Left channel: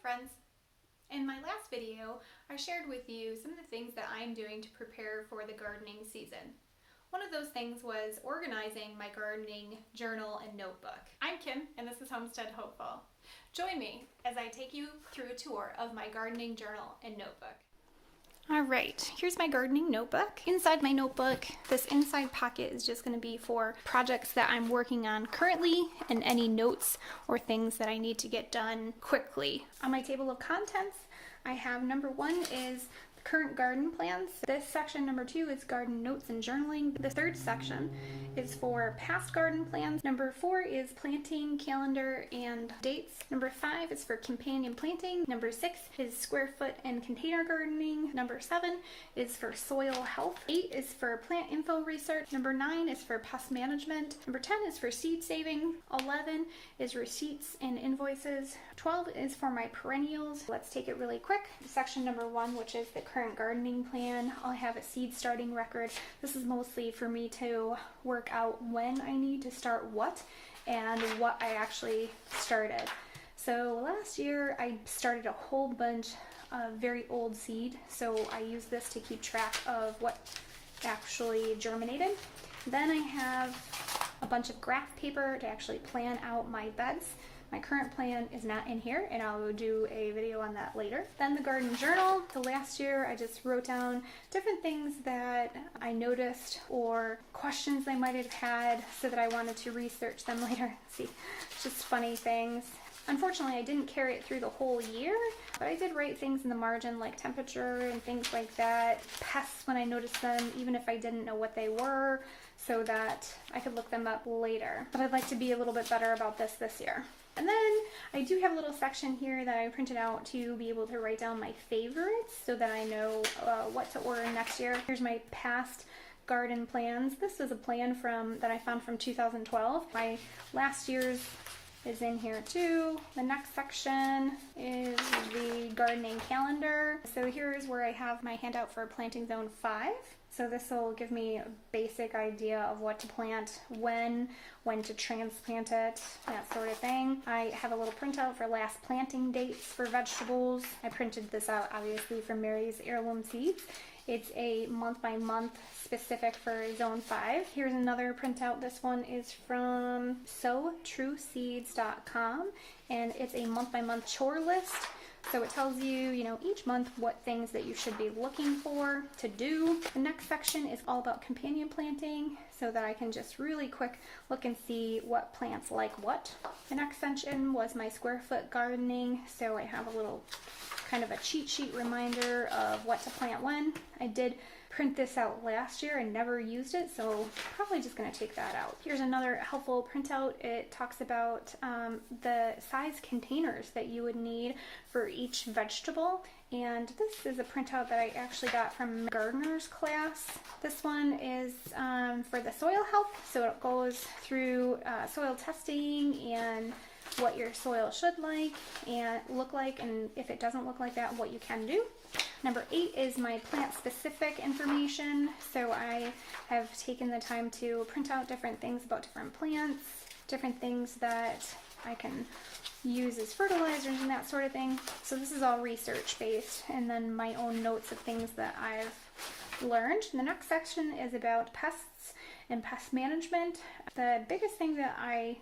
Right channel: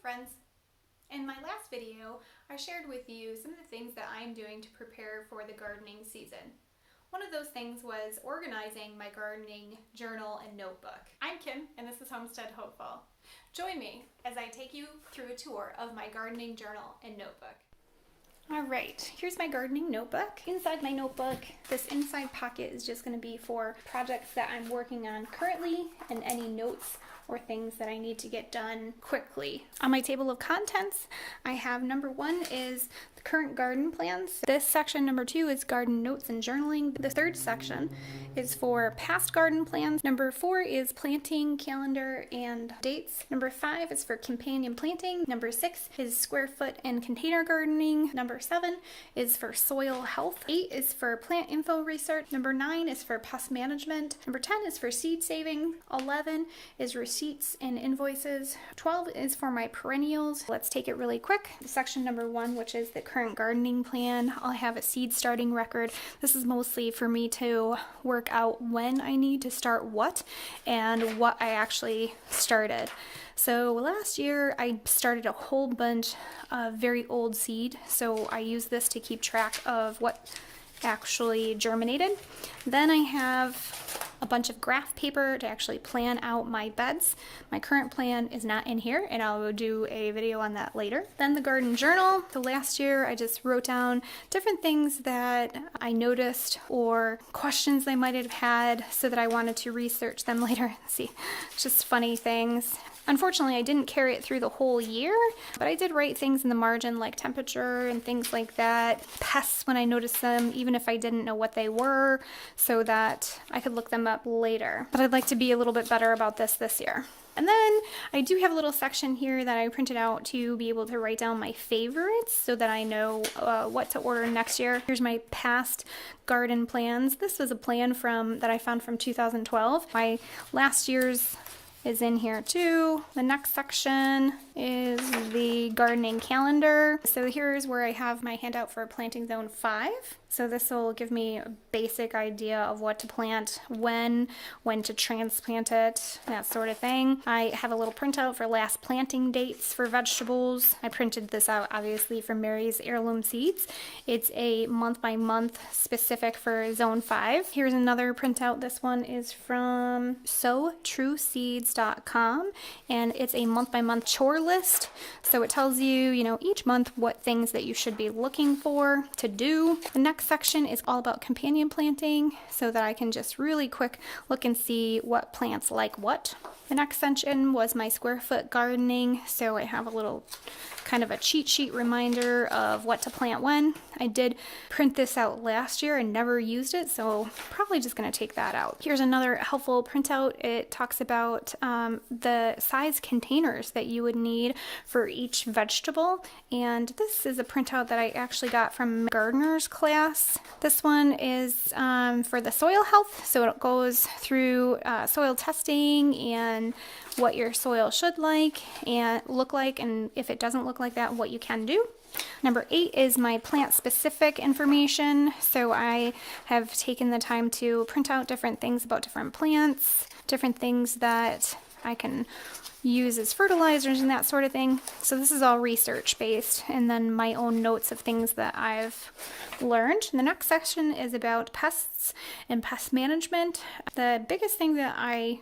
friends. In my last video, I shared with you some of the things that I'm doing to prepare for the gardening season. One of those things was organizing my gardening journal and notebook. I'm Kim, and this is Homestead Hopeful. Join me as I take you through a tour of my gardening journal and notebook. All right, here's my gardening notebook. Inside my notebook, this inside pocket is just going to be for projects that I'm working on currently and any notes or things that I need to get done quickly. On my table of contents, I have number 1 is the current garden plans. This section, number 2, is garden notes and journaling. The third section is for past garden plans. Number 4 is planting calendar and dates. Number 5 is for companion planting. Number 6 is square foot and container gardening. Number 7 is for soil health. 8 is for plant info research. Number 9 is for pest management. Number 10 is for seed saving. 11 is receipts and invoices. 12 is for my perennials. Let's take it really quick. Section number 1, which is the current gardening plan. I'll have a seed starting record. This is mostly for me to work out when I need to start what and what I actually started. So last year I started a whole bunch of very old seed, so I use this to keep track of what actually germinated. Then I have a bunch of graph paper to actually plan out my beds. My current plan is not in here, and I'll do a video on that later. Then the garden journal. The last year I just wrote down different things that I noticed or questions I might have had so that I wanted to research them later. See, just funny things. Unfortunately, I didn't carry it through the whole year, but I did write things in the margin like temperature and things like that, pests when I noticed them, even if I didn't know what they were, so that I could look them up later. But I'd like to be a little bit better about this year. And then I do have a little section here that I printed out to be able to write down my favorites so that I know what to order next year. Here's my past garden plans. This was a plan that I found from 2012. My last year's is in here too. The next section is the gardening calendar. So here's where I have my handout for planting zone 5. So this will give me a basic idea of what to plant, when to transplant it, that sort of thing. I have a little printout for last planting dates for vegetables. I printed this out obviously from Mary's Heirloom Seeds. It's a month by month specific for zone 5. Here's another printout. This one is from sowtrueseeds.com, and it's a month by month chore list. So it tells you, each month what things that you should be looking for to do. The next section is all about companion planting so that I can just really quick look and see what plants like what. The next section was my square foot gardening, so I have a little kind of a cheat sheet reminder of what to plant when. I did print this out last year and never used it, so probably just going to take that out. Here's another helpful printout. It talks about the size containers that you would need for each vegetable, and this is a printout that I actually got from gardener's class. This one is for the soil health, so it goes through soil testing and what your soil should look like, and if it doesn't look like that, what you can do. Number 8 is my plant specific information. So I have taken the time to print out different things about different plants, different things that I can use as fertilizers and that sort of thing. So this is all research based, and then my own notes of things that I've learned. And the next section is about pests and pest management. The biggest thing that I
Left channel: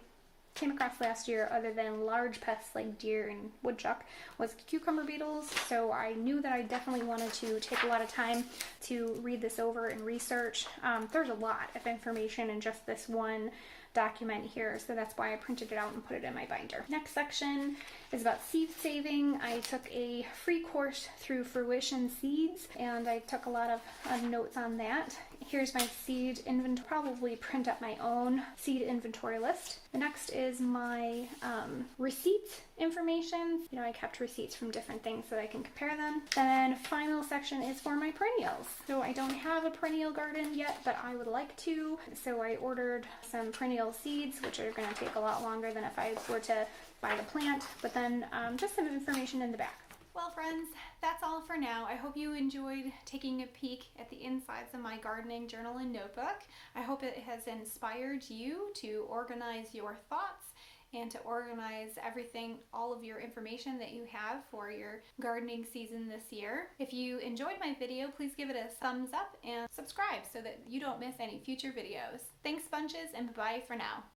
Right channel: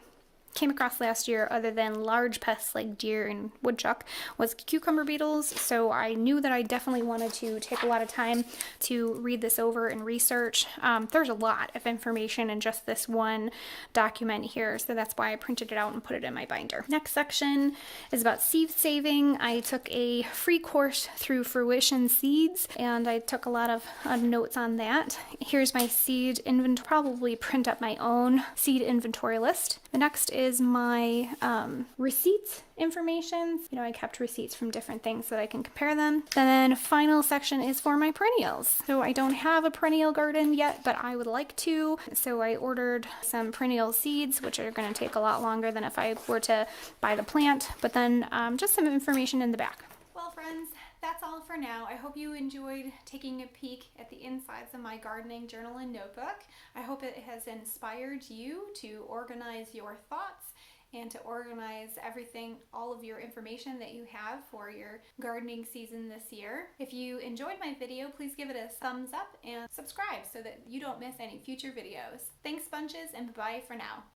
came across last year, other than large pests like deer and woodchuck, was cucumber beetles. So I knew that I definitely wanted to take a lot of time to read this over and research. There's a lot of information in just this one document here, so that's why I printed it out and put it in my binder. Next section is about seed saving. I took a free course through Fruition Seeds, and I took a lot of notes on that. Here's my seed inventory. Probably print up my own seed inventory list. The next is my receipts information. I kept receipts from different things so that I can compare them. And then final section is for my perennials. So I don't have a perennial garden yet, but I would like to. So I ordered some perennial seeds, which are going to take a lot longer than if I were to buy the plant, but then just some information in the back. Well, friends, that's all for now. I hope you enjoyed taking a peek at the insides of my gardening journal and notebook. I hope it has inspired you to organize your thoughts and to organize everything, all of your information that you have for your gardening season this year. If you enjoyed my video, please give it a thumbs up and subscribe so that you don't miss any future videos. Thanks bunches, and bye for now.